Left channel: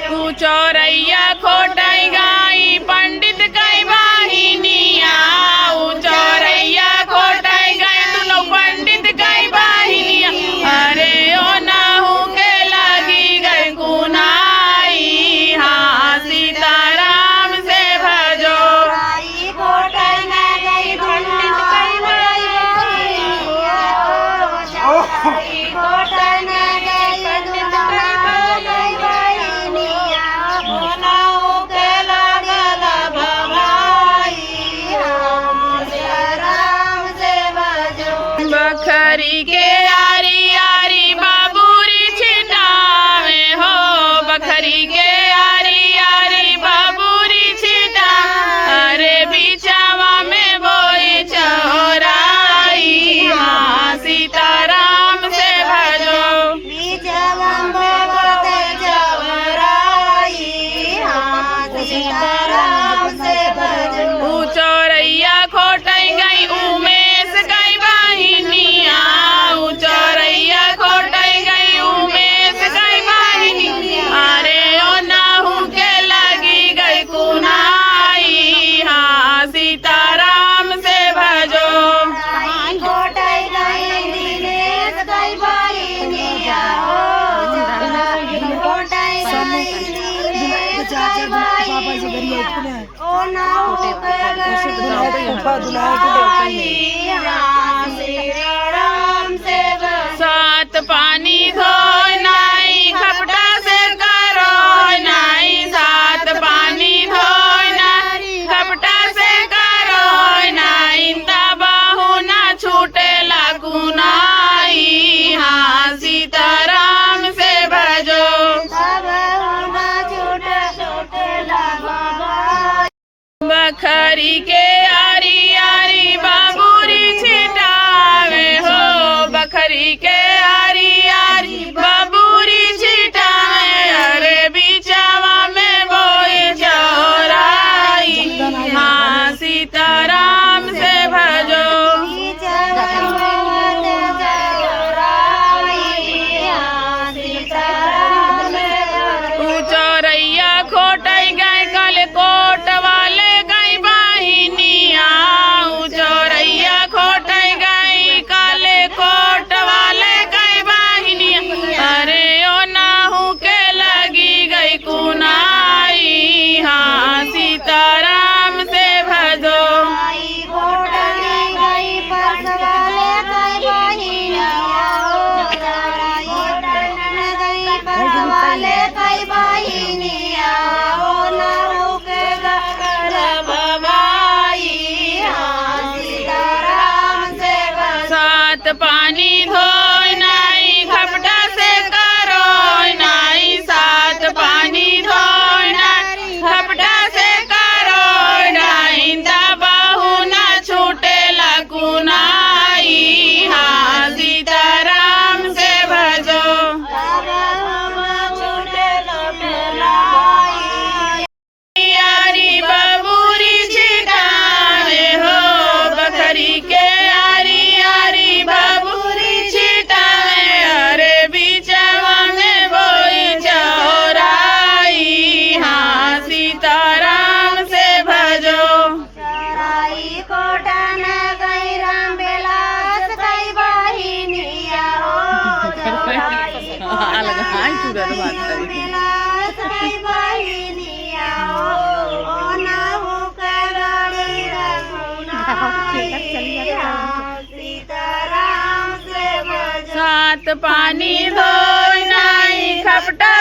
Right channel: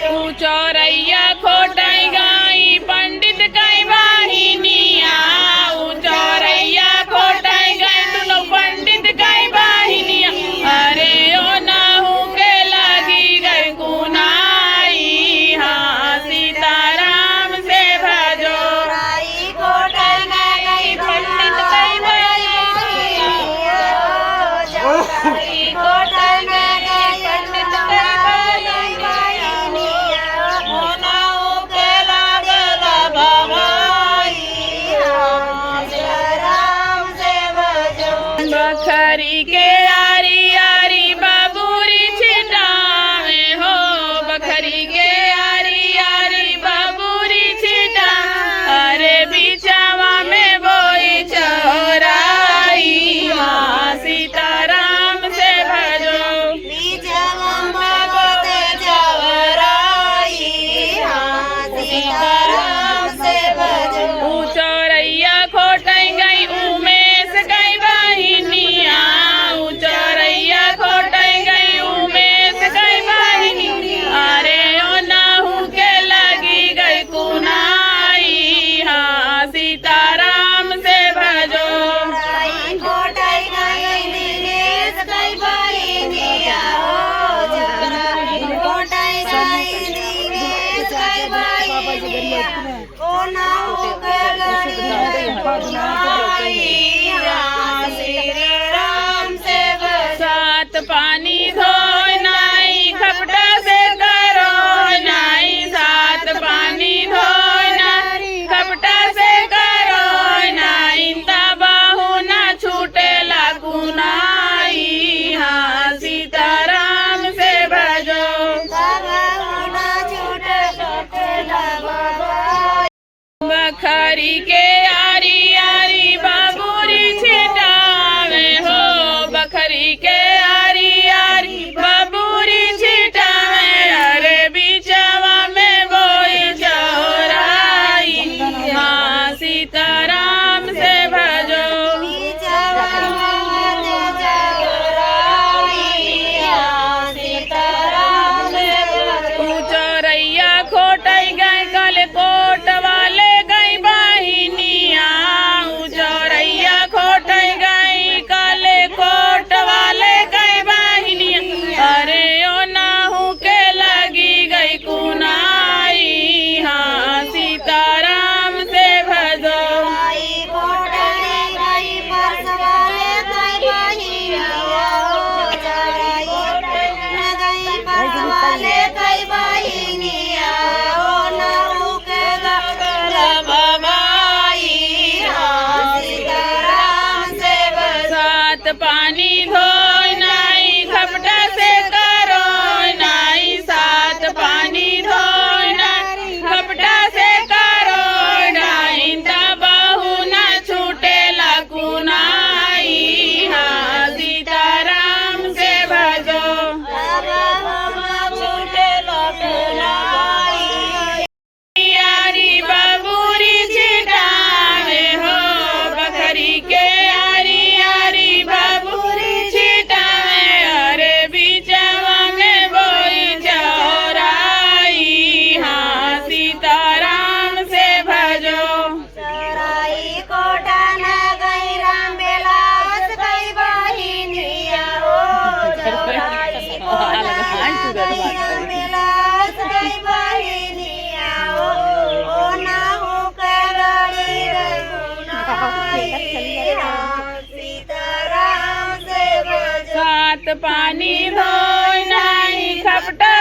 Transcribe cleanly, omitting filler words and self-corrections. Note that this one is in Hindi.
तू चौरैया खोटाई गाई पंडित कई वाहिनिया चौरैया खोटाई गाई दुनो पंडित कई वाहिनिया अरे ओ नाहू के लगी गई कुनाई हाँ सीताराम से भजो खोटाई गई पंडित कई वाहिनिया बखरी के यारी यारी बाबूरी छिटावे हो बखरी के यारी यारी बाबूरी छिटा अरे बिचावा में बोई चौराई हाँ सीताराम से भजो बिचावा में बोते चौराई हाँ सीताराम से भजो चौरैया खोटाई गई उमेश कई वाहिनिया चौरैया खोटाई गई उमेश कई वाहिनिया अरे ओ नाहू के लगी गई कुनाई हाँ सीताराम से भजो खोटाई गई दिनेश कई वाहिनिया खोटाई गई दिनेश कई वाहिनिया ओ नाहू के लगी कुनाई हाँ श्री राम से सात पानी धो नाई खपटा से करो नाई सात पानी धो नाई खपटा से करो नाई तबाहू ना छूटे लागू नाई हाँ सीताराम से भजो बखरी के यारी यारी बाबूरी छिटावे हो बखरी के यारी यारी बाबूरी छिटावे अरे बिचावा में बोई चौराई हाँ सीताराम से भजो चौरैया खोटाई गए कल कोट वाले गई वाहिनिया चौरैया खोटाई गई कल कोट वाले गई वाहिनिया अरे ओ नाहू के लगी गई कुनाई हाँ सीताराम से भजो सात पानी धो नाई खपटा से करो नाई सात पानी धो नाई खपटा से करो नाई तबाहू ना छूटे लागू नाई हाँ सीताराम से भजो यारी बाबूरी छिटावे हो बखरी के यारी यारी बाबूरी छिटावे अरे बिचावा में बोई चौराई हाँ सीताराम से भजो चौराई कोटन गई राम बेलास कई वाहिनिया हो चौराई कोटन गई राम बेलास कई वाहिनिया हो ओ नाहू के लगी गई कुनाई सीताराम से भजो सात पानी धो नाई खपटा